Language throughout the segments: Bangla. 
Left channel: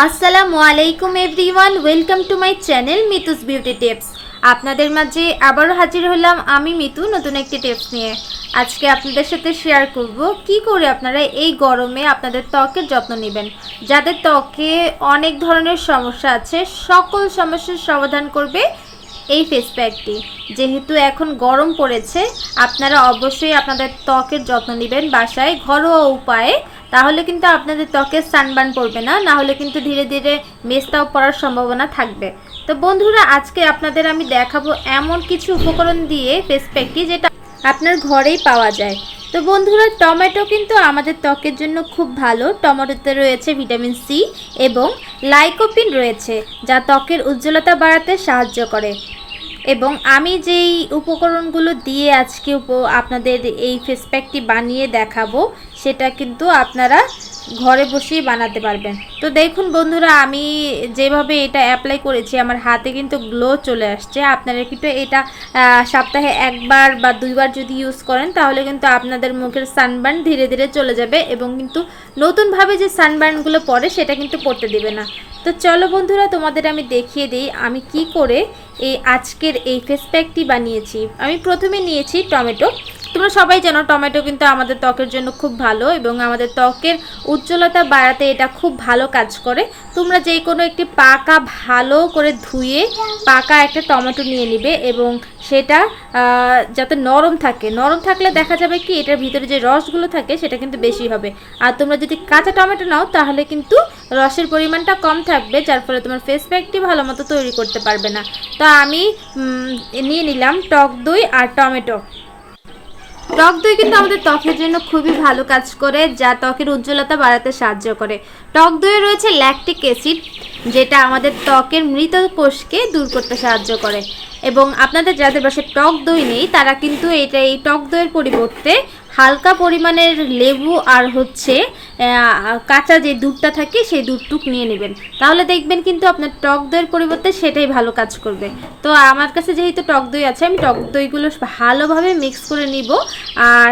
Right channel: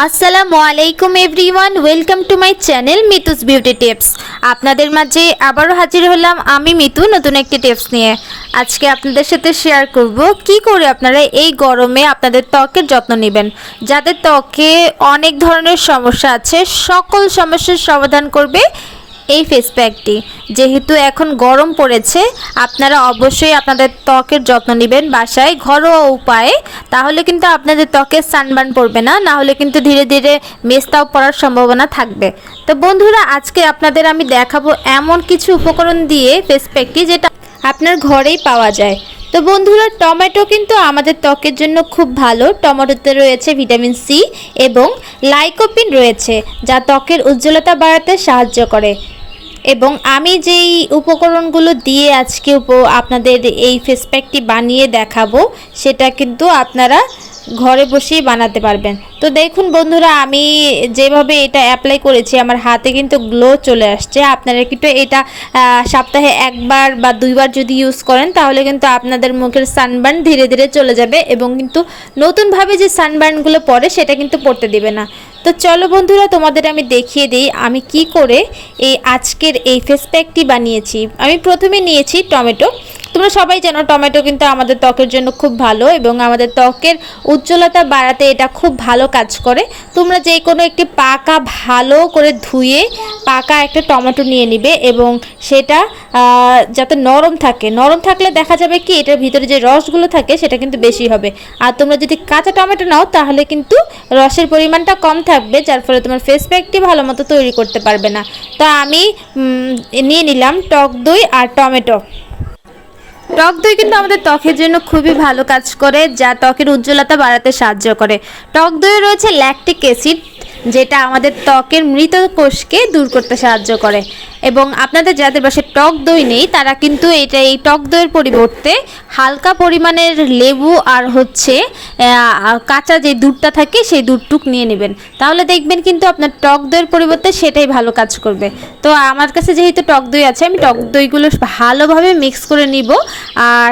আসসালামু আলাইকুম everyone, welcome to my channel Mitu's beauty tips. আপনাদের মাঝে আবারও হাজির হলাম আমি মিতু নতুন একটি টিপস নিয়ে। আজকে আপনাদের সাথে শেয়ার করব কি করে আপনারা এই গরমে আপনাদের ত্বকের যত্ন নেবেন। যাদের ত্বকে অনেক ধরনের সমস্যা আছে, সকল সমস্যার সমাধান করবে এই ফেস প্যাকটি। যেহেতু এখন গরম পড়েছে, আপনারা অবশ্যই আপনাদের ত্বকের যত্ন নেবেন বাসায় ঘরোয়া উপায়ে। তাহলে কিন্তু আপনাদের ত্বকে সানবার্ন পড়বে না, না হলে কিন্তু ধীরে ধীরে মেস্তাও পড়ার সম্ভাবনা থাকবে। তো বন্ধুরা, আজকে আপনাদের আমি দেখাবো এমন কিছু উপকরণ দিয়ে ফেস প্যাকটি যেটা আপনার ঘরেই পাওয়া যায়। তো বন্ধুরা, টমেটো কিন্তু আমাদের ত্বকের জন্য খুব ভালো। টমেটোতে রয়েছে ভিটামিন সি এবং লাইকোপিন রয়েছে, যা ত্বকের উজ্জ্বলতা বাড়াতে সাহায্য করে। এবং আমি যেই উপকরণগুলো দিয়ে আজকে আপনাদের এই ফেস প্যাকটি বানিয়ে দেখাবো, সেটা কিন্তু আপনারা ঘরে বসেই বানাতে পারবেন। তো দেখুন বন্ধুরা, আমি যেভাবে এটা অ্যাপ্লাই করেছি আমার হাতে কিন্তু গ্লো চলে আসছে। আপনারা কিন্তু এটা সপ্তাহে একবার বা দুইবার যদি ইউজ করেন তাহলে কিন্তু আপনাদের মুখের সানবার্ন ধীরে ধীরে চলে যাবে এবং কিন্তু নতুনভাবে যে সানবার্নগুলো পড়ে সেটা কিন্তু পড়তে দেবে না। তো চলো বন্ধুরা, তোমাদের আমি দেখিয়ে দিই আমি কি করে এই আজকের এই ফেস প্যাকটি বানিয়েছি। আমি প্রথমে নিয়েছি টমেটো। তোমরা সবাই জানো টমেটো কিন্তু আমাদের ত্বকের জন্য খুব ভালো এবং আমাদের ত্বকের উজ্জ্বলতা বাড়াতে এটা খুব ভালো কাজ করে। তোমরা যে কোনো একটি পাকা ভালো করে ধুয়ে পাকা একটা টমেটো নিয়ে নিবে এবং সেটা যাতে নরম থাকে। নরম থাকলে দেখা যাবে কি এটার ভিতরে যে রসগুলো থাকে সেটা কিন্তু বেশি হবে। আর তোমরা যদি কাঁচা টমেটো নাও তাহলে কিন্তু রসের পরিমাণটা কম থাকবে, যার ফলে তোমার ফেস প্যাকটি ভালো মতো তৈরি করতে পারবে না। তো আমি নিয়ে নিলাম টক দই আর টমেটো। টক দই কিন্তু আমাদের ত্বকের জন্য খুবই ভালো কাজ করে, যা ত্বকের উজ্জ্বলতা বাড়াতে সাহায্য করে। টক দইয়ে রয়েছে ল্যাকটিক অ্যাসিড, যেটা আমাদের ত্বকের মৃত কোষকে দূর করতে সাহায্য করে। এবং আপনাদের যাদের বাসায় টক দই নেই তারা কিন্তু এই টক দইয়ের পরিবর্তে হালকা পরিমাণের লেবু আর কাঁচা যে দুধটা থাকে সেই দুধটুক নিয়ে নেবেন। তাহলে দেখবেন কিন্তু আপনার টক দইয়ের পরিবর্তে সেটাই ভালো কাজ করবে। তো আমার কাছে যেহেতু টক দই আছে, আমি টক দইগুলো ভালোভাবে মিক্স করে নিব। আর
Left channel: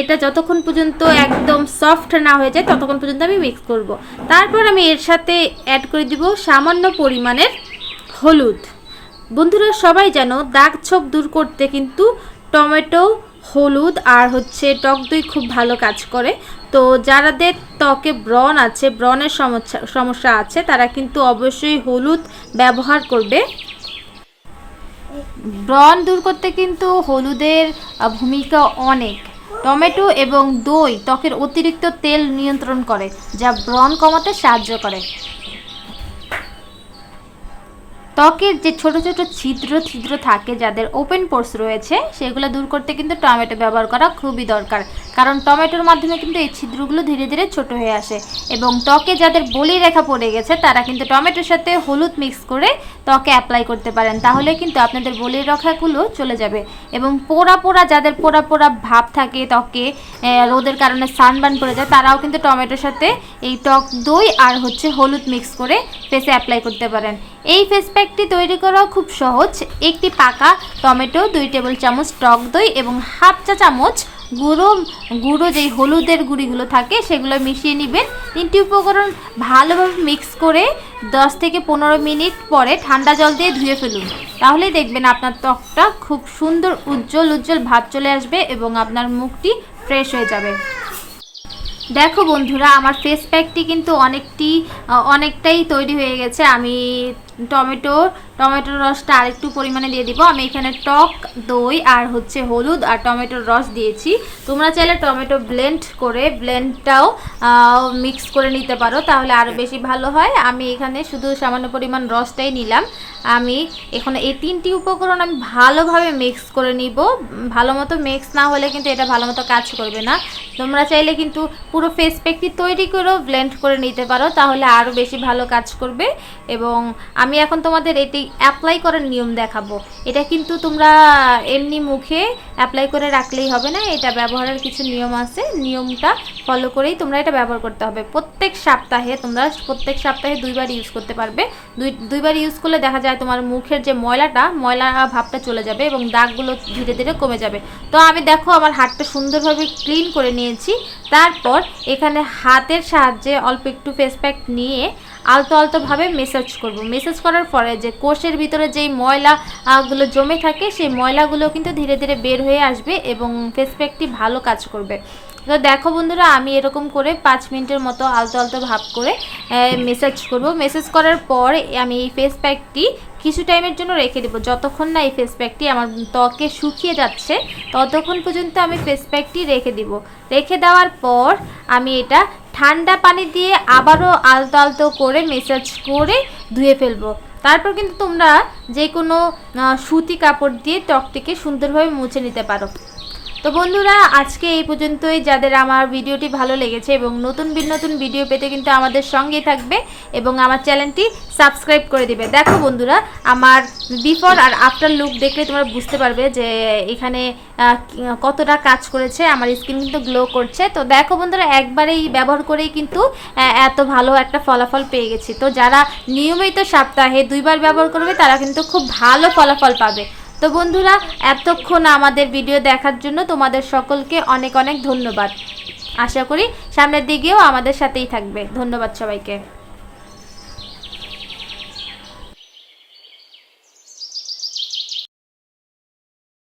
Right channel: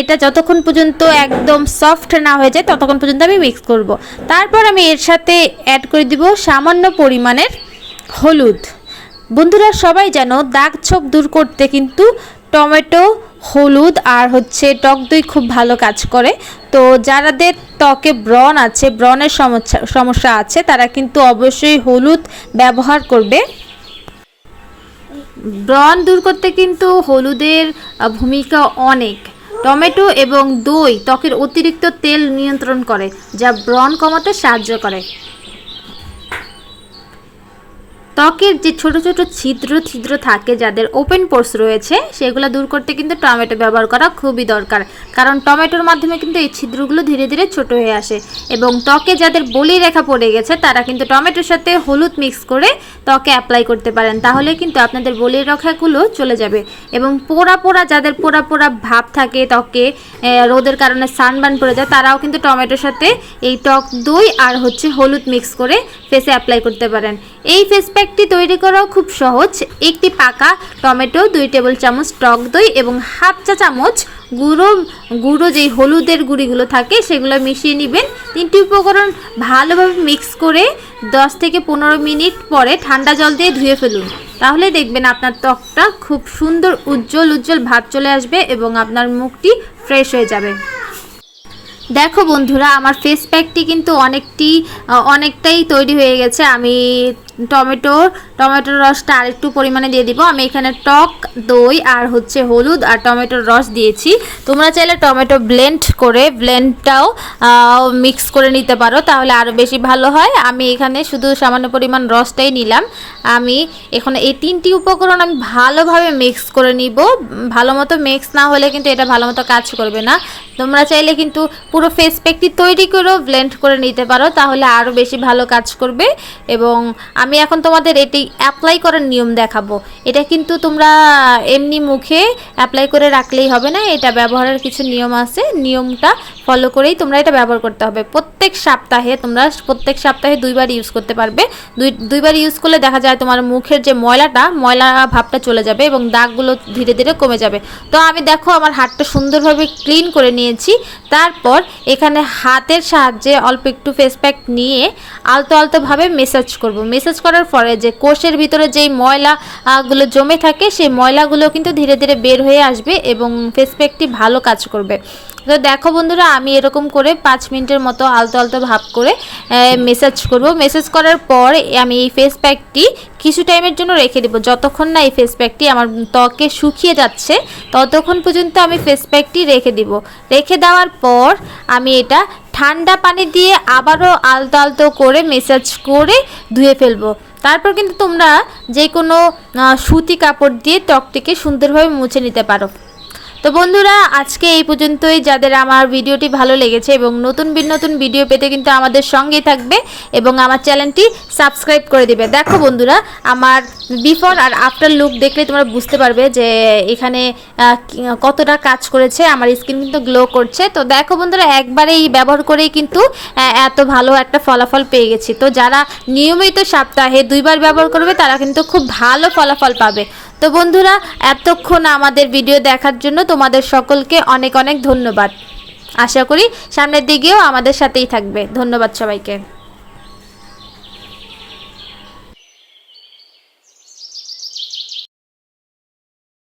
এটা যতক্ষণ পর্যন্ত একদম সফট না হয়ে যায় ততক্ষণ পর্যন্ত আমি মিক্স করব। তারপর আমি এর সাথে অ্যাড করে দিব সামান্য পরিমাণের হলুদ। বন্ধুরা, সবাই জানো দাগ ছোপ দূর করতে কিন্তু টমেটো, হলুদ আর টক দই খুব ভালো কাজ করে। তো যাদের ত্বকে ব্রণ আছে, ব্রণের সমস্যা আছে, তারা কিন্তু অবশ্যই হলুদ ব্যবহার করবে। ব্রণ দূর করতে কিন্তু হলুদের ভূমিকা অনেক। টমেটো এবং দই ত্বকের অতিরিক্ত তেল নিয়ন্ত্রণ করে, যা ব্রণ কমাতে সাহায্য করে। ত্বকের যে ছোট ছোট ছিদ্র থাকে, যাদের ওপেন পোর্স রয়েছে, সেগুলো দূর করতে কিন্তু টমেটো ব্যবহার করা খুবই দরকার। কারণ টমেটোর মাধ্যমে কিন্তু এই ছিদ্রগুলো ধীরে ধীরে ছোট হয়ে আসে। এবং ত্বকে যাদের বলি রেখা পড়ে গেছে তারা কিন্তু টমেটোর সাথে হলুদ মিক্স করে ত্বকে অ্যাপ্লাই করতে পারেন, তাহলে কিন্তু আপনাদের বলির রেখাগুলো চলে যাবে। এবং যাদের পোড়া ভাব থাকে ত্বকে, রোদের কারণে সানবার্ন পড়ে যায়, তারাও কিন্তু টমেটোর সাথে এই টক দই আর হলুদ মিক্স করে ফেসে অ্যাপ্লাই করতে পারেন। এই ফেস প্যাকটি তৈরি করাও খুব সহজ। একটি পাকা টমেটো, 2 টেবিল চামচ টক দই এবং হাফ চা চামচ গুঁড়ো যেই হলুদের গুঁড়িগুলো থাকে সেগুলো মিশিয়ে নেবেন। 3টি উপকরণ ভালোভাবে মিক্স করে 10 থেকে 15 মিনিট পরে ঠান্ডা জল দিয়ে ধুয়ে ফেলুন। তাহলে দেখবেন আপনার ত্বকটা খুব সুন্দর উজ্জ্বল ভাব চলে আসবে এবং আপনার মুখটি ফ্রেশ হয়ে যাবে। দেখো বন্ধুরা, আমার ফেস প্যাকটি কিন্তু অনেকটাই তৈরি হয়ে গেছে। আমি টমেটোর রসটা আরেকটু পরিমাণে দিয়ে দিব। আমি এখানে টক দই আর হলুদ আর টমেটোর রস দিয়েছি। তোমরা চাইলে টমেটো ব্লেন্ডটাও মিক্স করে নিতে পারো, তাহলে আরও বেশি ভালো হয়। আমি এখানে শুধু সামান্য পরিমাণ রসটাই নিলাম। আমি এখানে এই 3টি উপকরণ আমি ভালোভাবে মিক্স করে নিব। ভালো মতো মিক্স না হলে কিন্তু এটা ভালো মতো কাজ করবে না। তোমরা চাইলে কিন্তু পুরো ফেস প্যাকটি তৈরি করেও ব্লেন্ড করে নিতে পারো, তাহলে আরও বেশি ভালো কাজ করবে। এবং আমি এখন তোমাদের এটি অ্যাপ্লাই করার নিয়ম দেখাবো। এটা কিন্তু তোমরা এমনি মুখে অ্যাপ্লাই করে রাখলেই হবে না, এটা ব্যবহারের কিছু নিয়ম আছে। নিয়মটা ফলো করেই তোমরা এটা ব্যবহার করতে হবে। প্রত্যেক সপ্তাহে তোমরা প্রত্যেক সপ্তাহে 2বার ইউজ করতে পারবে। দুইবার ইউজ করলে দেখা যায় তোমার মুখের যে ময়লা ভাবটা চলে যাবে এবং দাগগুলো ধীরে ধীরে কমে যাবে। তো আমি দেখো আমার হাতটা সুন্দরভাবে ক্লিন করে নিয়েছি। তারপর এখানে হাতের সাহায্যে অল্প একটু ফেস প্যাক নিয়ে আলতোভাবে মেসাজ করব। মেসাজ করার পরে যে কোষের ভিতরে যেই ময়লাগুলো জমে থাকে সেই ময়লাগুলো কিন্তু ধীরে ধীরে বের হয়ে আসবে এবং ফেস প্যাকটি ভালো কাজ করবে। তো দেখো বন্ধুরা, আমি এরকম করে 5 মিনিটের মতো আলতো ভাব করে মেসাজ করব। মেসাজ করার পর আমি এই ফেস প্যাকটি কিছু টাইমের জন্য রেখে দেবো। যতক্ষণ না এই ফেস প্যাকটি আমার ত্বকে শুকিয়ে যাচ্ছে ততক্ষণ পর্যন্ত আমি ফেস প্যাকটি রেখে দিব। রেখে দেওয়ার পর আমি এটা ঠান্ডা পানি দিয়ে আবারও আলতো করে মেসাজ করে ধুয়ে ফেলবো। তারপর কিন্তু তোমরা যে কোনো সুতি কাপড় দিয়ে ত্বকটিকে সুন্দরভাবে মুছে নিতে পারো। তো বন্ধুরা, আজকে এই পর্যন্তই। যাদের আমার ভিডিওটি ভালো লেগেছে এবং নতুন ভিডিও পেতে কিন্তু আমাদের সঙ্গেই থাকবে এবং আমার চ্যানেলটি সাবস্ক্রাইব করে দিবে। দেখো বন্ধুরা, আমার বিফোর আর আফটার লুক দেখলে তোমরা বুঝতে পারবে যে এখানে কতটা কাজ করেছে। আমার স্কিন কিন্তু গ্লো করছে। তো দেখো বন্ধুরা, একবারেই ব্যবহার করেই কিন্তু এত ভালো একটা ফলাফল পেয়ে গেছি। তো যারা নিয়মিত সপ্তাহে 2বার ব্যবহার করবে তারা কিন্তু খুব ভালো ফলাফল পাবে। তো বন্ধুরা, এতক্ষণ আমাদের ভিডিও দেখার জন্য তোমাদের সকলকে অনেক ধন্যবাদ। আশা করি সামনের দিকেও আমাদের সাথেই থাকবে। ধন্যবাদ সবাইকে।